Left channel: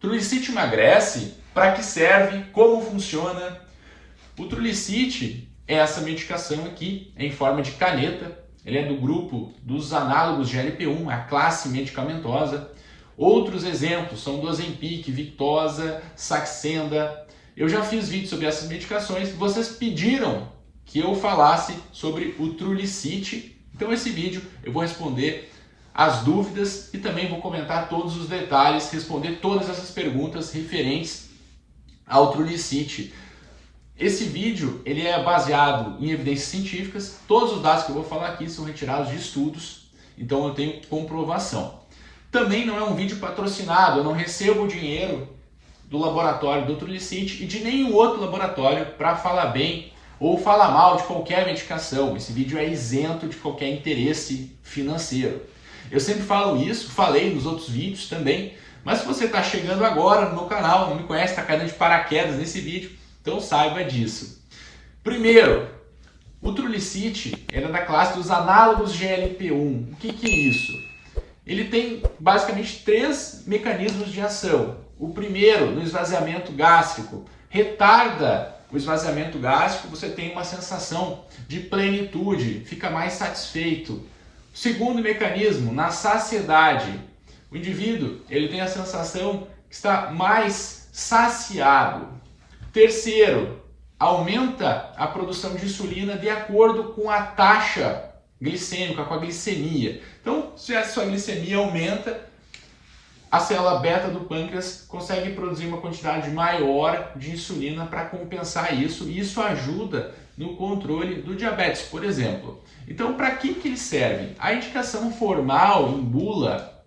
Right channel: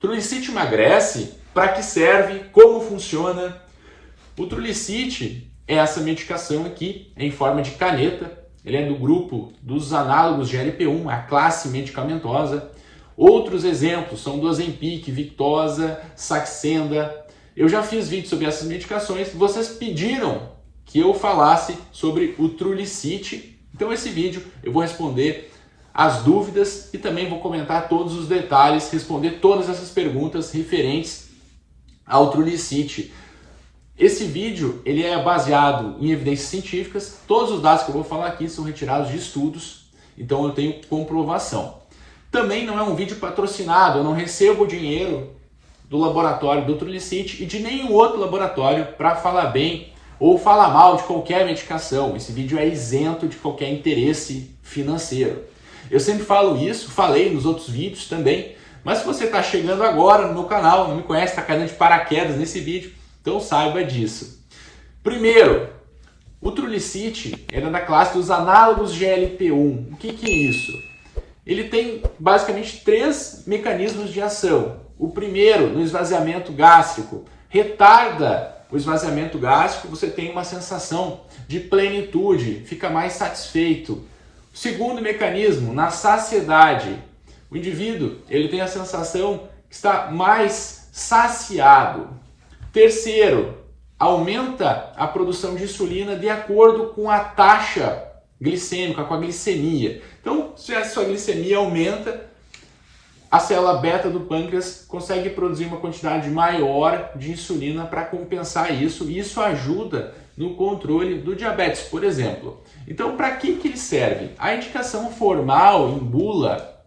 Trulicity emagrece? Para que serve? Como funciona? O Trulicity é essa medicação aqui em forma de caneta. Ele é do grupo dos análogos GLP-1, a classe medicamentosa. Outros exemplos são do Ozempic, Victoza, Saxenda. Eu já fiz vídeo sobre essas medicações. Vocês pediram que eu falasse sobre o Trulicity. Então esse vídeo eu vou responder as dúvidas e também vou comentar todos os detalhes, responder todas essas perguntas referentes ao Trulicity. Esse vídeo ele é baseado em evidências científicas. Todos os dados que eu vou falar aqui são retirados de estudos, então eu tenho comprovação. Também não é um vídeo patrocinado, eu não recebo dinheiro do laboratório do Trulicity e de nenhum outro laboratório para falar bem ou falar mal de qualquer medicação. Esse vídeo é isento de qualquer interesse financeiro. Eu sempre falo isso, falei nos outros vídeos também, mas se você está chegando agora no meu canal, não me conhece, está caindo de paraquedas nesse vídeo, então saiba disso. Primeiro, o Trulicity é da classe dos análogos GLP-1. O que é isso? Ele tem basicamente 3 mecanismos de ação. O primeiro, no esvaziamento gástrico, retarda o esvaziamento gástrico, você tem uma sensação de plenitude, fica mais satisfeito. Segundo mecanismo, na saciedade, o indivíduo ele tem a sensação que está mais saciado. Terceiro, aumenta a produção de insulina de acordo com a taxa glicêmica, com a glicemia. Então, se a sua glicemia aumenta, a célula beta do pâncreas consegue produzir uma quantidade maior de insulina para compensar isso, e isso ajuda no controle do diabetes, por exemplo. Então, para que ele serve? A indicação formal em bula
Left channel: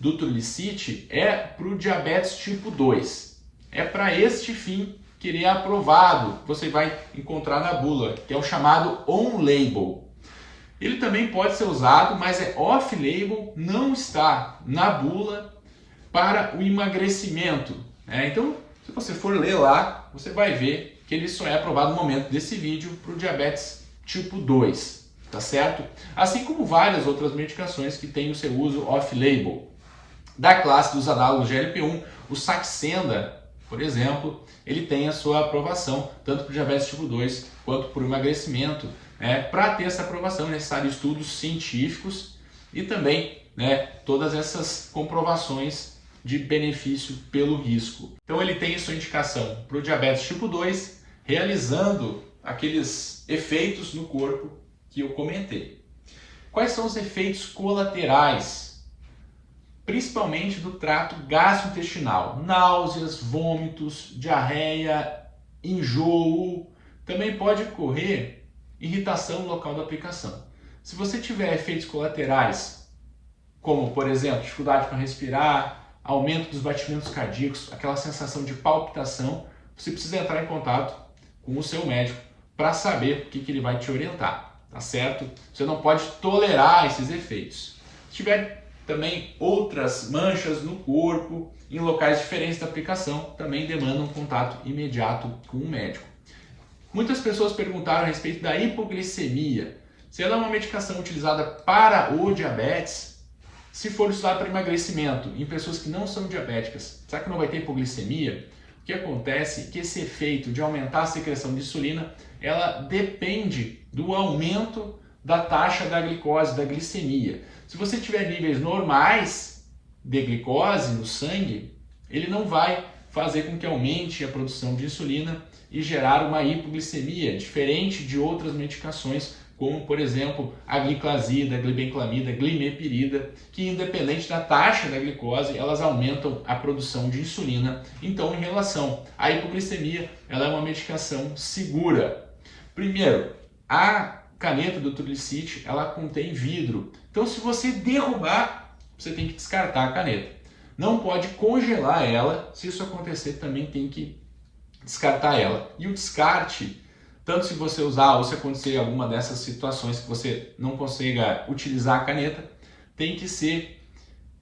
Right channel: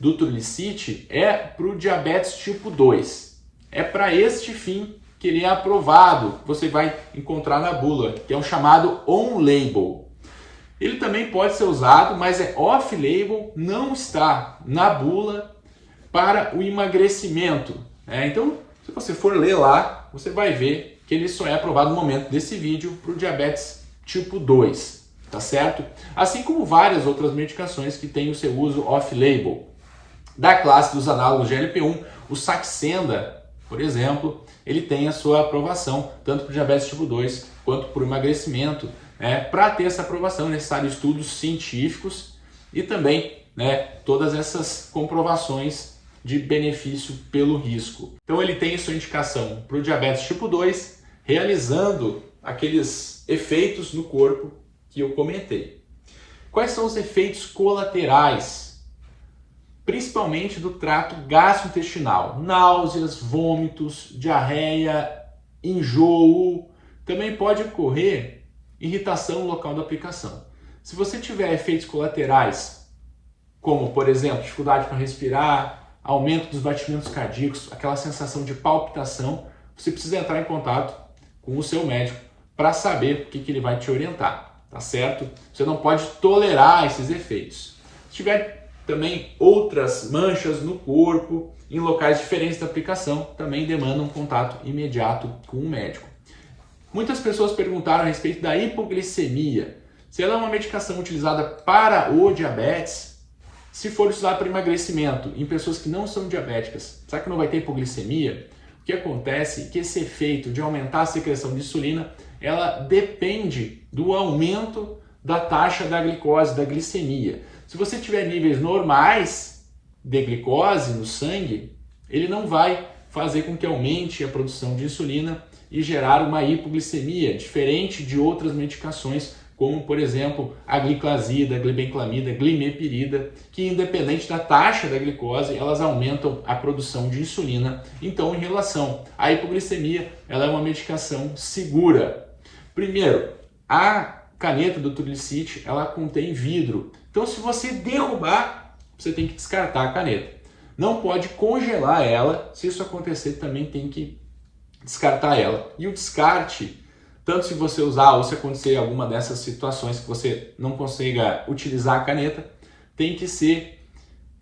do Trulicity é para o diabetes tipo 2. É para este fim que ele é aprovado, você vai encontrar na bula, que é o chamado on-label. Ele também pode ser usado, mas é off-label, não está na bula para o emagrecimento. Então, se você for ler lá, você vai ver que ele só é aprovado no momento desse vídeo para o diabetes tipo 2, tá certo? Assim como várias outras medicações que têm o seu uso off-label. Da classe dos análogos GLP-1, o Saxenda, por exemplo, ele tem a sua aprovação, tanto para o diabetes tipo 2 quanto para o emagrecimento. Para ter essa aprovação é necessário estudos científicos e também todas essas comprovações de benefício pelo risco. Então ele tem sua indicação para o diabetes tipo 2, realizando aqueles efeitos no corpo que eu comentei. Quais são os efeitos colaterais? Principalmente do trato gastrointestinal. Náuseas, vômitos, diarreia, enjoo. Também pode ocorrer irritação no local da aplicação. Se você tiver efeitos colaterais, como por exemplo, dificuldade para respirar, aumento dos batimentos cardíacos, aquela sensação de palpitação, você precisa entrar em contato com o seu médico para saber o que ele vai te orientar, tá certo? Você não pode tolerar esses efeitos. Se tiver também outras manchas no corpo, em locais diferentes da aplicação, também demanda um contato imediato com o médico. Muitas pessoas perguntaram a respeito da hipoglicemia. Se ela é uma medicação utilizada para o diabetes, se for usada para emagrecimento em pessoas que não são diabéticas, será que não vai ter hipoglicemia? O que acontece é que esse efeito de aumentar a secreção de insulina, ela depende do aumento da taxa da glicose, da glicemia. Se você tiver níveis normais de glicose no sangue, ele não vai fazer com que aumente a produção de insulina e gerar uma hipoglicemia, diferente de outras medicações, como por exemplo a gliclazida, a glibenclamida, a glimepirida, que independente da taxa da glicose, elas aumentam a produção de insulina. Então, em relação à hipoglicemia, ela é uma medicação segura. Primeiro, a caneta do Trulicity, ela contém vidro. Então, se você derrubar, você tem que descartar a caneta. Não pode congelar ela. Se isso acontecer, também tem que descartar ela. E o descarte, tanto se você usar ou se acontecer alguma dessas situações que você não consiga utilizar a caneta, tem que ser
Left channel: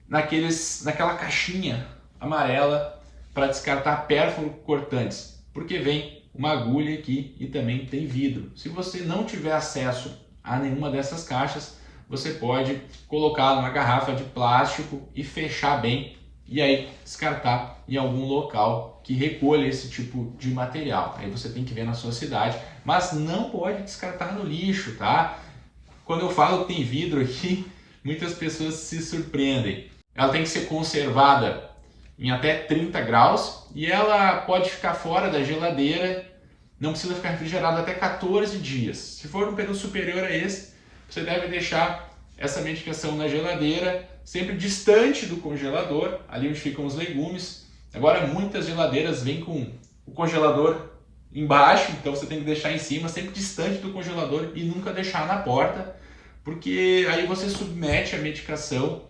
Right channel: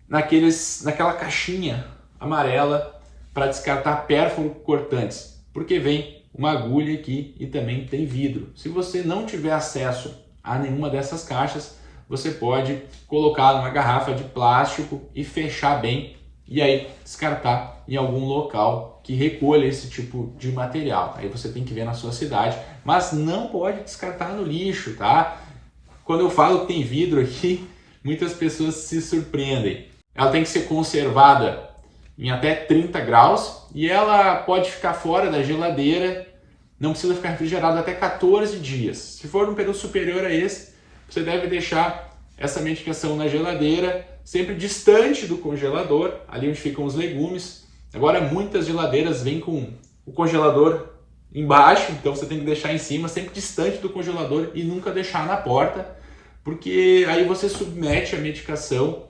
naquela caixinha amarela para descartar pérfuro cortantes, porque vem uma agulha aqui e também tem vidro. Se você não tiver acesso a nenhuma dessas caixas, você pode colocar numa garrafa de plástico e fechar bem e aí descartar em algum local que recolha esse tipo de material. Aí você tem que ver na sua cidade, mas não pode descartar no lixo, tá? Quando eu falo que tem vidro aqui, muitas pessoas se surpreendem. Ela tem que ser conservada em até 30 graus e ela pode ficar fora da geladeira, não precisa ficar refrigerada até 14 dias. Se for um período superior a esse, você deve deixar essa medicação na geladeira, sempre distante do congelador, ali onde ficam os legumes. Agora, muitas geladeiras vêm com o congelador embaixo, então você tem que deixar em cima, sempre distante do congelador e nunca deixar na porta, porque aí você submete a medicação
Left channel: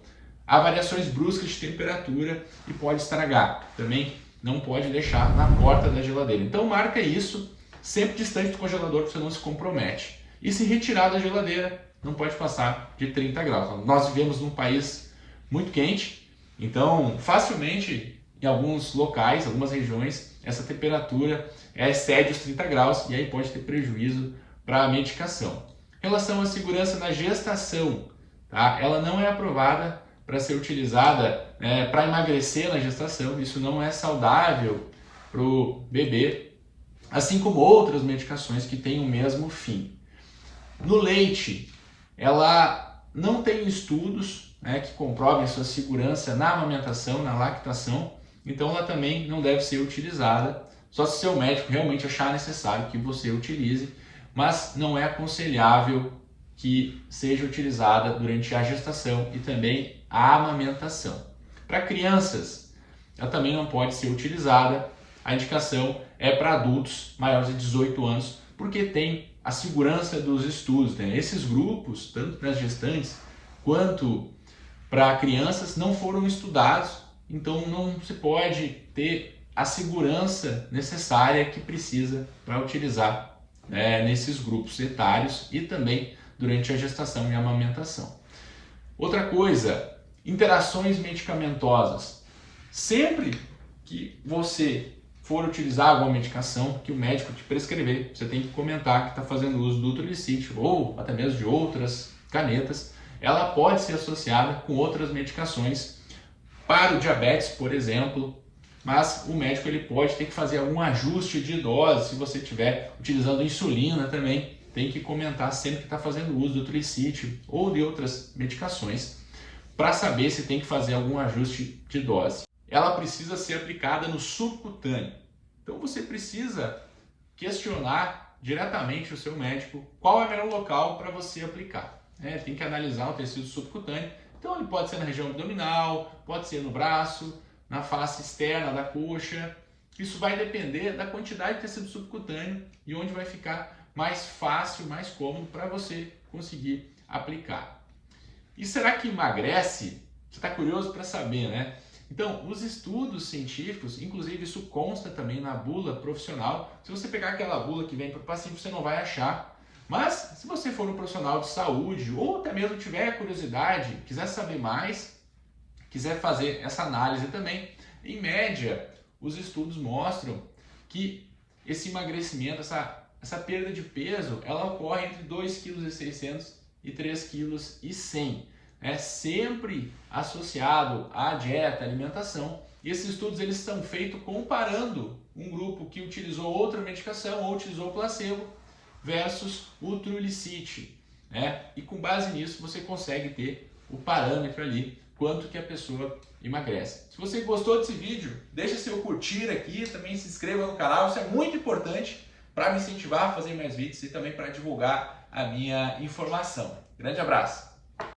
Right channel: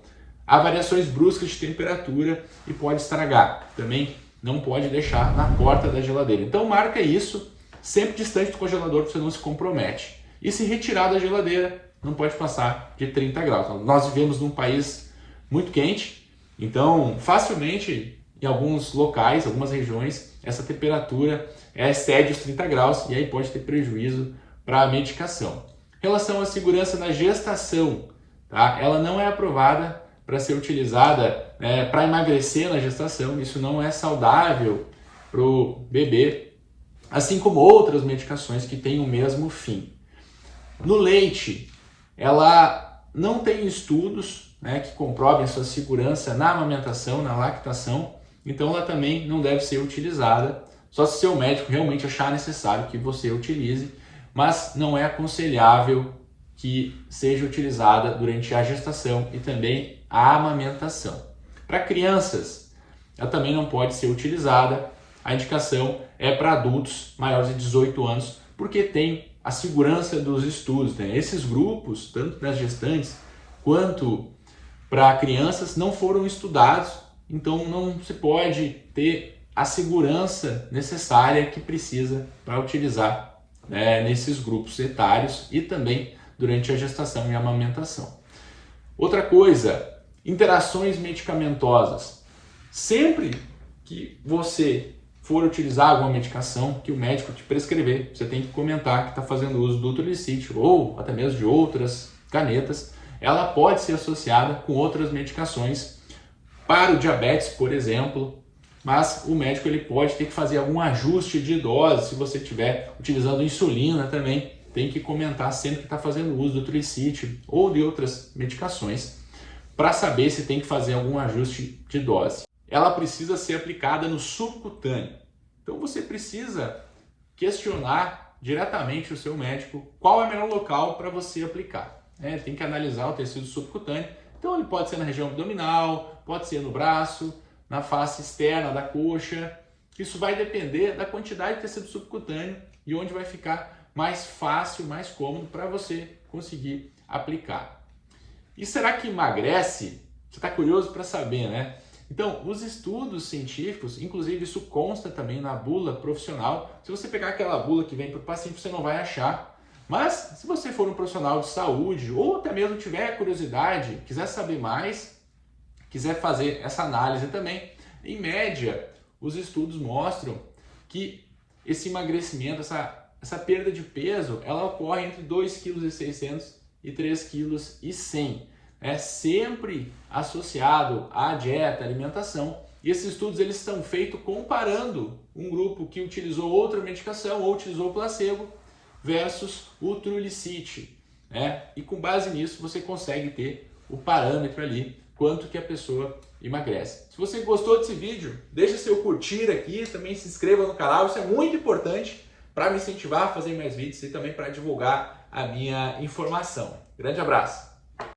a variações bruscas de temperatura e pode estragar. Também não pode deixar na porta da geladeira. Então marca isso, sempre distante do congelador, para você não se compromete. E se retirar da geladeira, não pode passar de 30 graus. Nós vivemos num país muito quente, então facilmente em alguns locais, algumas regiões, essa temperatura excede os 30 graus e aí pode ter prejuízo para a medicação. Em relação à segurança na gestação, tá? Ela não é aprovada para ser utilizada para emagrecer na gestação. Isso não é saudável para o bebê, assim como outras medicações que têm o mesmo fim. No leite, ela não tem estudos que comprovem sua segurança na amamentação, na lactação, então ela também não deve ser utilizada, só se seu médico realmente achar necessário que você utilize, mas não é aconselhável que seja utilizada durante a gestação e também a amamentação. Para crianças, ela também não pode ser utilizada. A indicação é para adultos maiores de 18 anos, porque tem a segurança dos estudos. Esses grupos, tanto para as gestantes quanto para crianças, não foram estudados, então não se pode ter a segurança necessária que precisa para utilizar nesses grupos etários e também durante a gestação e a amamentação. Outra coisa, interações medicamentosas. Sempre que você for utilizar alguma medicação que o médico te prescrever, você tem que comentar que está fazendo uso do Trulicity ou até mesmo de outras canetas. Ela pode ser associada com outras medicações para o diabetes, por exemplo, mas o médico ele pode ter que fazer algum ajuste de dose. Se você estiver utilizando insulina também, tem que comentar sempre que está fazendo uso do Trulicity ou de outras medicações para saber se tem que fazer algum ajuste de dose. Ela precisa ser aplicada no subcutâneo. Então você precisa questionar diretamente o seu médico qual é o melhor local para você aplicar. Tem que analisar o tecido subcutâneo. Então ele pode ser na região abdominal, pode ser no braço, na face externa da coxa. Isso vai depender da quantidade de tecido subcutâneo e onde vai ficar mais fácil, mais cômodo para você conseguir aplicar. E será que emagrece? Você está curioso para saber, né? Então, os estudos científicos, inclusive isso consta também na bula profissional. Se você pegar aquela bula que vem para o paciente, você não vai achar. Mas, se você for um profissional de saúde ou até mesmo tiver curiosidade, quiser saber mais, quiser fazer essa análise também, em média, os estudos mostram que esse emagrecimento, essa perda de peso, ela ocorre entre 2,6 kg e 3,1 kg. É sempre associado à dieta, alimentação. E esses estudos eles são feitos comparando um grupo que utilizou outra medicação ou utilizou placebo versus o Trulicity. E com base nisso você consegue ter o parâmetro ali, quanto que a pessoa emagrece. Se você gostou desse vídeo, deixa seu curtir aqui, também se inscreva no canal, isso é muito importante para me incentivar a fazer mais vídeos e também para divulgar a minha informação. Grande abraço!